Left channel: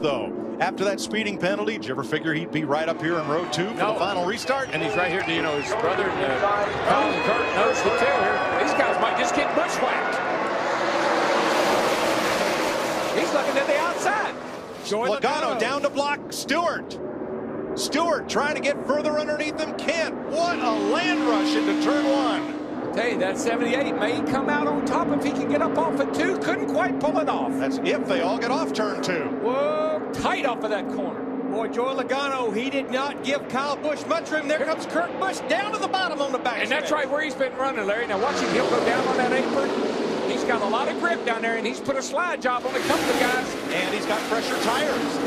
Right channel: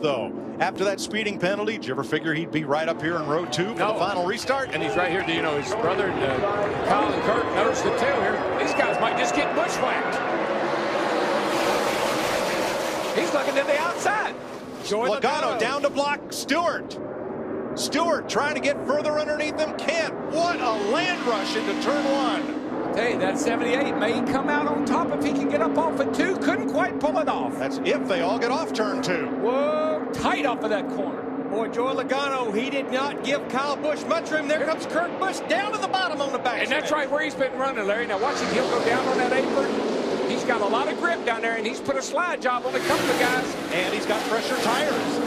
Though after that speeding penalty, did you ever figure he'd be right up here in row 2 for the final restart? And he's right here. You know, his brother and Kyle and Kurt knows the tail here. These guys might just get bushwhacked. He's looking to the outside. Logano down to block Stewart. Stewart trying to get further underneath him. Can't. What a land rush into turn 1. I tell you, that 78 may come out on top if he can get up off at 2. Couldn't quite pull it off. That's if they all get off turn 2. Whoa, tight off of that corner. Boy, Joey Logano, he did not give Kyle Busch much room. There comes Kurt Busch down to the bottom on the back. And that's right where he's been running, Larry. Now watch him. He'll go down on that apron. He's got a lot of grip down there, and he's put a slide job on a couple of guys. And he's got fresher tires.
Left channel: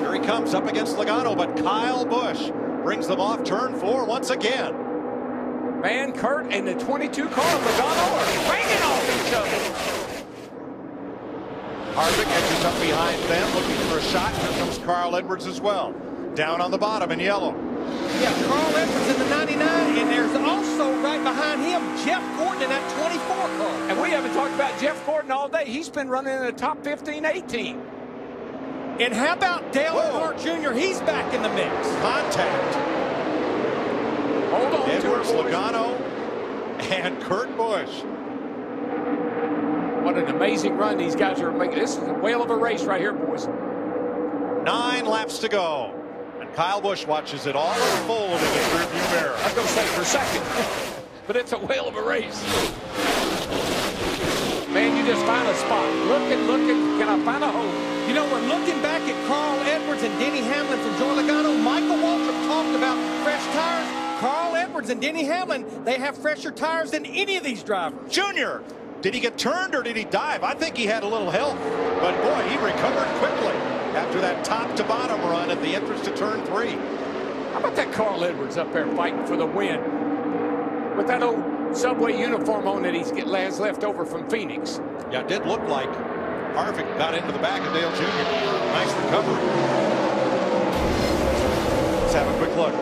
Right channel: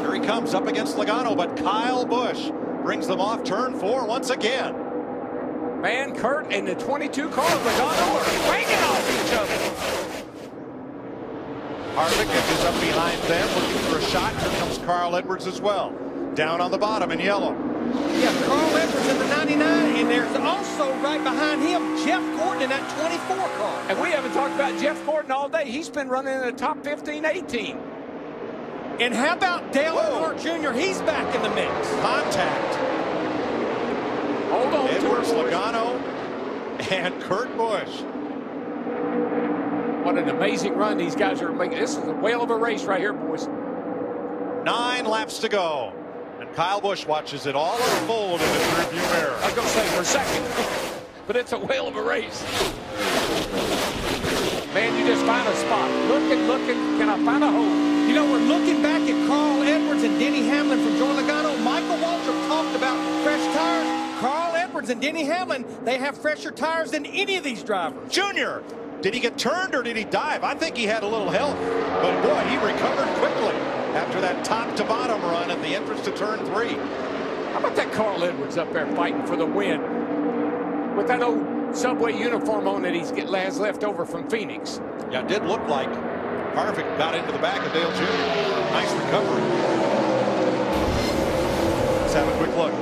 Here he comes up against Logano, but Kyle Busch brings them off turn 4 once again. Man, Kurt and the 22 car of Logano are banging off each other. Harvick edges up behind them, looking for a shot. Here comes Carl Edwards as well. Down on the bottom in yellow. Yeah, Carl Edwards in the 99, and there's also right behind him Jeff Gordon in that 24 car. And we haven't talked about Jeff Gordon all day. He's been running in the top 15, 18. And how about Dale Earnhardt Jr.? He's back in the mix. Contact. Hold on Edwards, to it, boys. Logano, and Kurt Busch. What an amazing run these guys are making. This is a whale of a race right here, boys. 9 laps to go. And Kyle Busch watches it all unfold in his rearview mirror. I was going to say for second, but it's a whale of a race. Man, you just find a spot. Looking, can I find a hole? You know, we're looking back at Carl Edwards and Denny Hamlin from Joey Logano. Michael Waltrip talked about fresh tires. Carl Edwards and Denny Hamlin, they have fresher tires than any of these drivers. Junior, did he get turned or did he dive? I think he had a little help, but boy, he recovered quickly after that top to bottom run at the entrance to turn 3. How about that Carl Edwards up there fighting for the win with that old Subway uniform on that has left over from Phoenix? Yeah, it did look like Harvick got into the back of Dale Jr. Nice recovery. Let's have a quick look.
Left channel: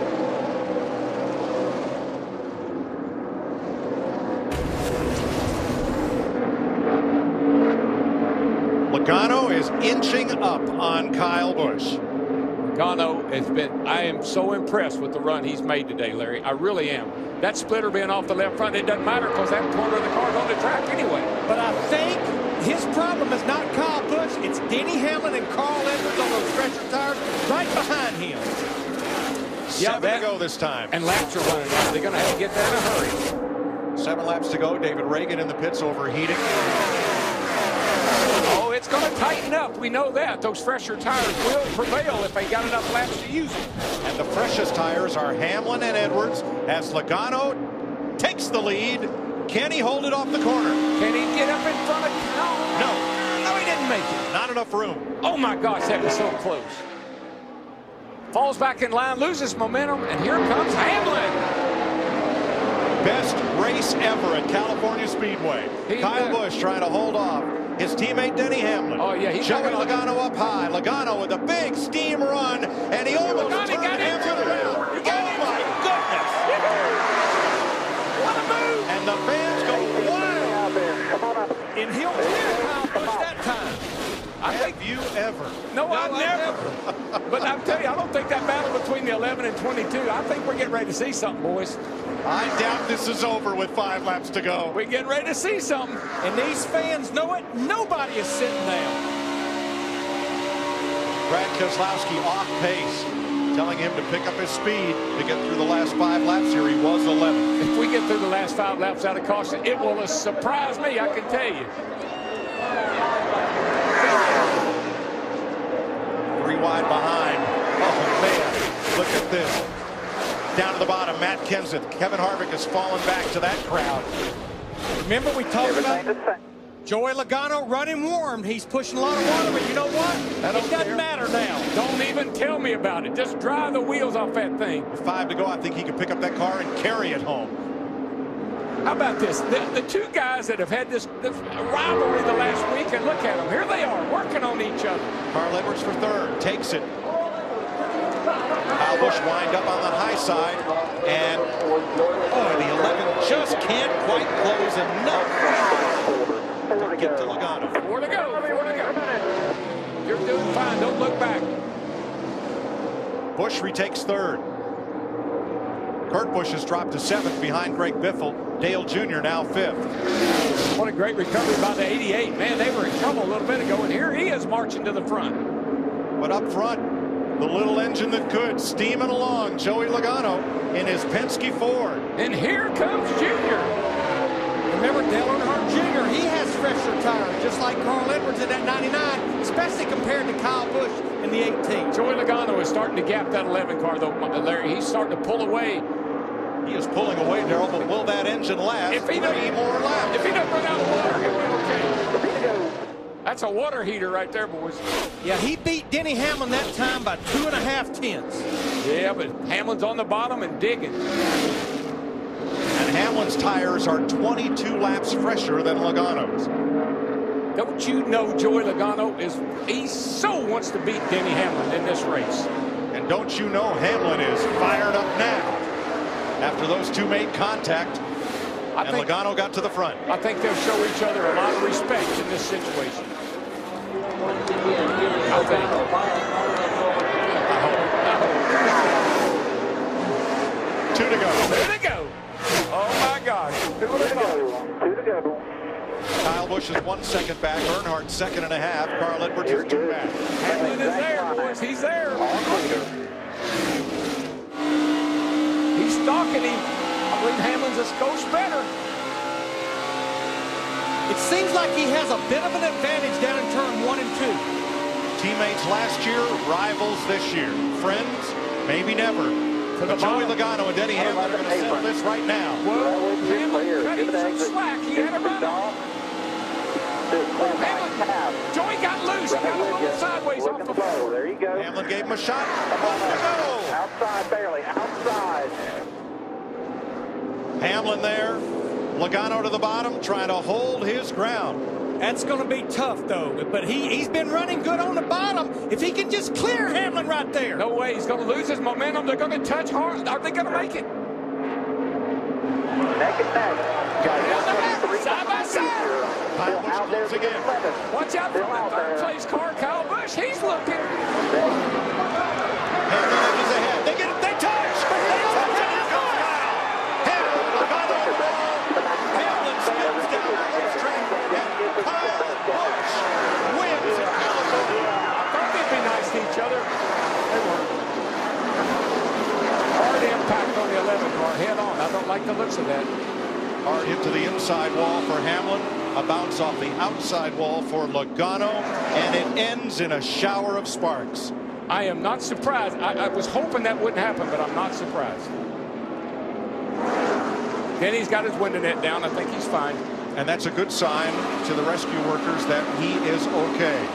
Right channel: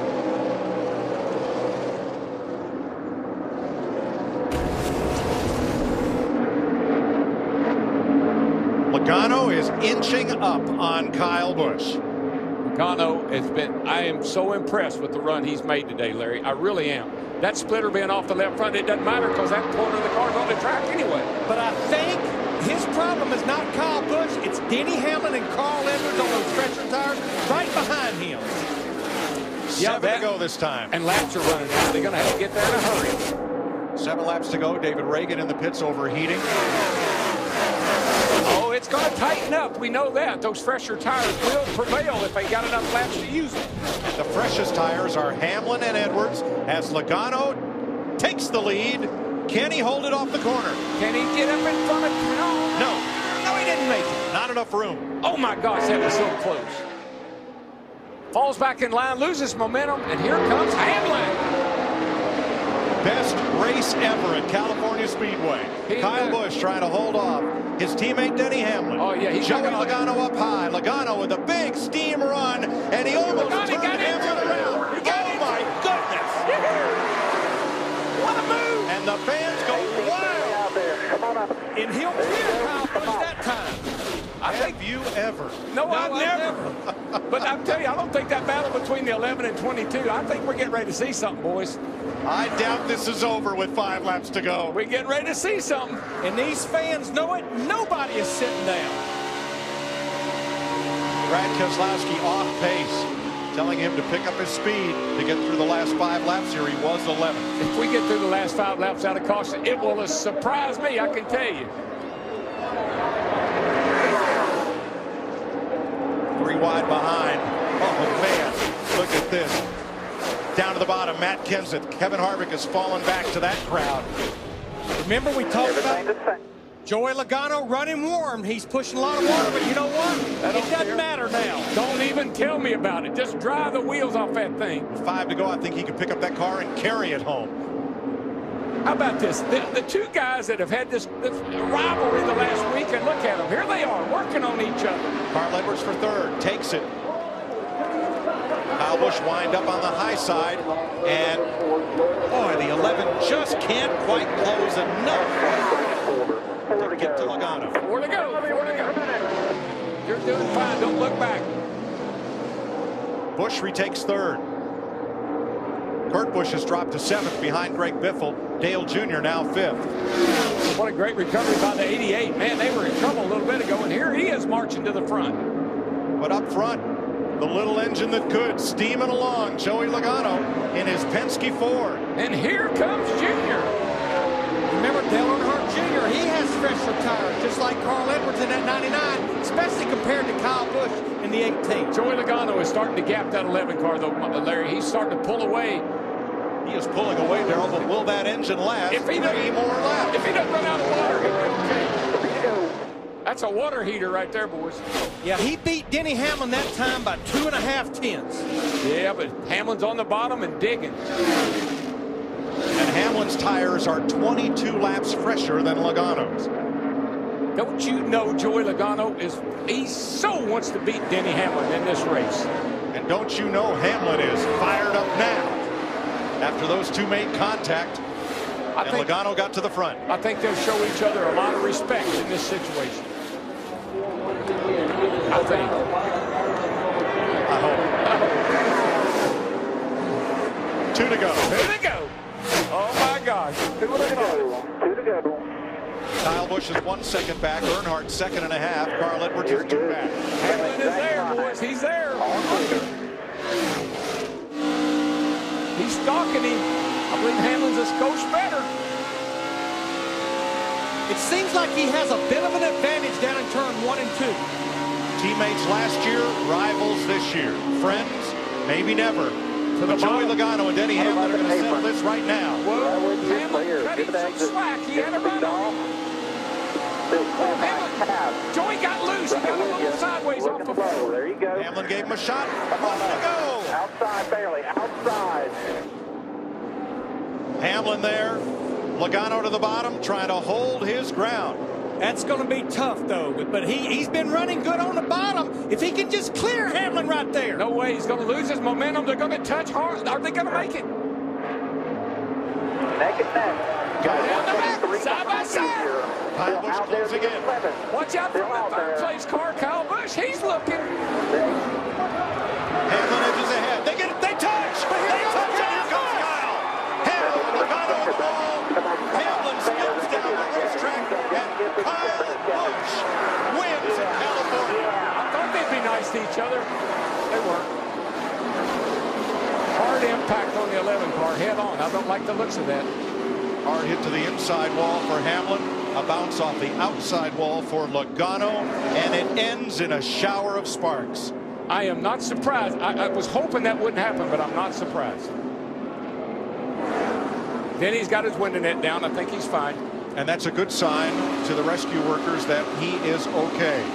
Logano is inching up on Kyle Busch. Logano has been, I am so impressed with the run he's made today, Larry. I really am. That splitter being off the left front, it doesn't matter because that corner of the car's on the track anyway. But I think his problem is not Kyle Busch. It's Denny Hamlin and Carl Edwards on those fresher tires right behind him. 7 to go this time. And laps are running out. They're going to have to get there in a hurry. 7 laps to go. David Reagan in the pits overheating. Oh, it's going to tighten up. We know that. Those fresher tires will prevail if they got enough laps to use them. And the freshest tires are Hamlin and Edwards as Logano takes the lead. Can he hold it off the corner? Can he get up in front of Kyle? No, he didn't make it. Not enough room. Oh, my gosh, that was so close. Falls back in line, loses momentum, and here comes Hamlin. Best race ever at California Speedway. Kyle Busch trying to hold off his teammate Denny Hamlin. Oh, yeah, he's Joey Logano up high. Logano with a big steam run, and he almost turned Hamlin around. Oh, my goodness. What a move. And the fans go wild. And he'll clear Kyle Busch that time. Have you ever? No, I've never. But I'll tell you, I don't think that battle between the 11 and 22, I think we're getting ready to see something, boys. I doubt this is over with 5 laps to go. We're getting ready to see something. And these fans know it. Nobody is sitting down. Brad Keselowski off pace, telling him to pick up his speed to get through the last 5 laps here. He was 11th. If we get through the last 5 laps out of caution, it will surprise me, I can tell you. 3 wide behind. Oh, man. Look at this. Down to the bottom, Matt Kenseth. Kevin Harvick has fallen back to that crowd. Remember we talked about Joey Logano running warm. He's pushing a lot of water, but you know what? It doesn't matter now. Don't even tell me about it. Just drive the wheels off that thing. With 5 to go, I think he can pick up that car and carry it home. How about this? The 2 guys that have had this rivalry the last week, and look at them. Here they are working on each other. Carl Edwards for 3rd. Takes it. Kyle Busch wind up on the high side, and boy, the 11 just can't quite close enough to get to Logano. 4 to go. You're doing fine. Don't look back. Busch retakes third. Kurt Busch has dropped to 7th behind Greg Biffle. Dale Jr. now 5th. What a great recovery by the 88. Man, they were in trouble a little bit ago, and here he is marching to the front. But up front, the little engine that could, steaming along, Joey Logano in his Penske Ford. And here comes Junior. Remember Dale Earnhardt Jr., he has fresher tires, just like Carl Edwards in that 99, especially compared to Kyle Busch in the 18. Joey Logano is starting to gap that 11 car, though, Larry. He's starting to pull away. He is pulling away, Darrell, but will that engine last If he 3 more laps? If he doesn't run out of water, he'll be okay. That's a water heater right there, boys. Yeah, he beat Denny Hamlin that time by 2.5 tenths. Yeah, but Hamlin's on the bottom and digging. And Hamlin's tires are 22 laps fresher than Logano's. Don't you know Joey Logano he so wants to beat Denny Hamlin in this race. And don't you know Hamlin is fired up now after those two made contact. And Logano got to the front. I think they'll show each other a lot of respect in this situation. I think. I hope. 2 to go. 2 to go. Oh my gosh. Who would have thought? 2 to go. Kyle Busch is 1 second back. Earnhardt 2.5. Carl Edwards is 2 back. Hamlin is there, boys. He's there. He's stalking him. I believe Hamlin's a skosh better. It seems like he has a bit of an advantage down in turn 1 and 2. Teammates last year, rivals this year. Friends, maybe never. But Joey Logano and Denny Hamlin are going to settle this right now. Well, Hamlin cut him some slack. He had a run on him. Oh, Hamlin. Joey got loose. He got a little sideways off the floor. There you go. Hamlin gave him a shot. 1 to go. Outside, barely. Outside. Hamlin there. Logano to the bottom, trying to hold his ground. That's going to be tough, though. But he's been running good on the bottom. If he can just clear Hamlin right there. No way. He's going to lose his momentum. They're going to touch hard. Are they going to make it? Neck and neck. Down the back, side by side. Kyle Busch closing in. Watch out for the third place car, Kyle Busch. He's looking. Hamlin edges ahead. They touch. They touch, and here comes Kyle. Hamlin, Logano on the wall. Hamlin spins down the racetrack, and Kyle Busch wins in California. I thought they'd be nice to each other. They weren't. Hard impact on the 11 car, head on. I don't like the looks of that. Hard hit to the inside wall for Hamlin. A bounce off the outside wall for Logano, and it ends in a shower of sparks. I am not surprised. I was hoping that wouldn't happen, but I'm not surprised. Then he's got his window net down. I think he's fine. And that's a good sign to the rescue workers that he is okay.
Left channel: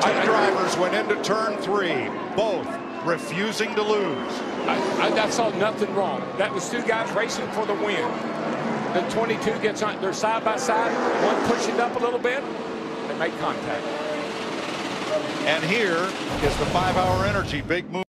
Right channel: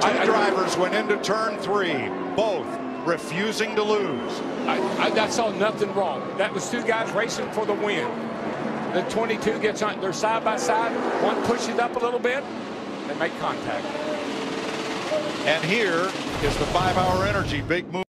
Two drivers went into turn 3, both refusing to lose. I saw nothing wrong. That was 2 guys racing for the win. The 22 gets on. They're side by side. One pushes up a little bit. They make contact. And here is the 5-hour energy big move.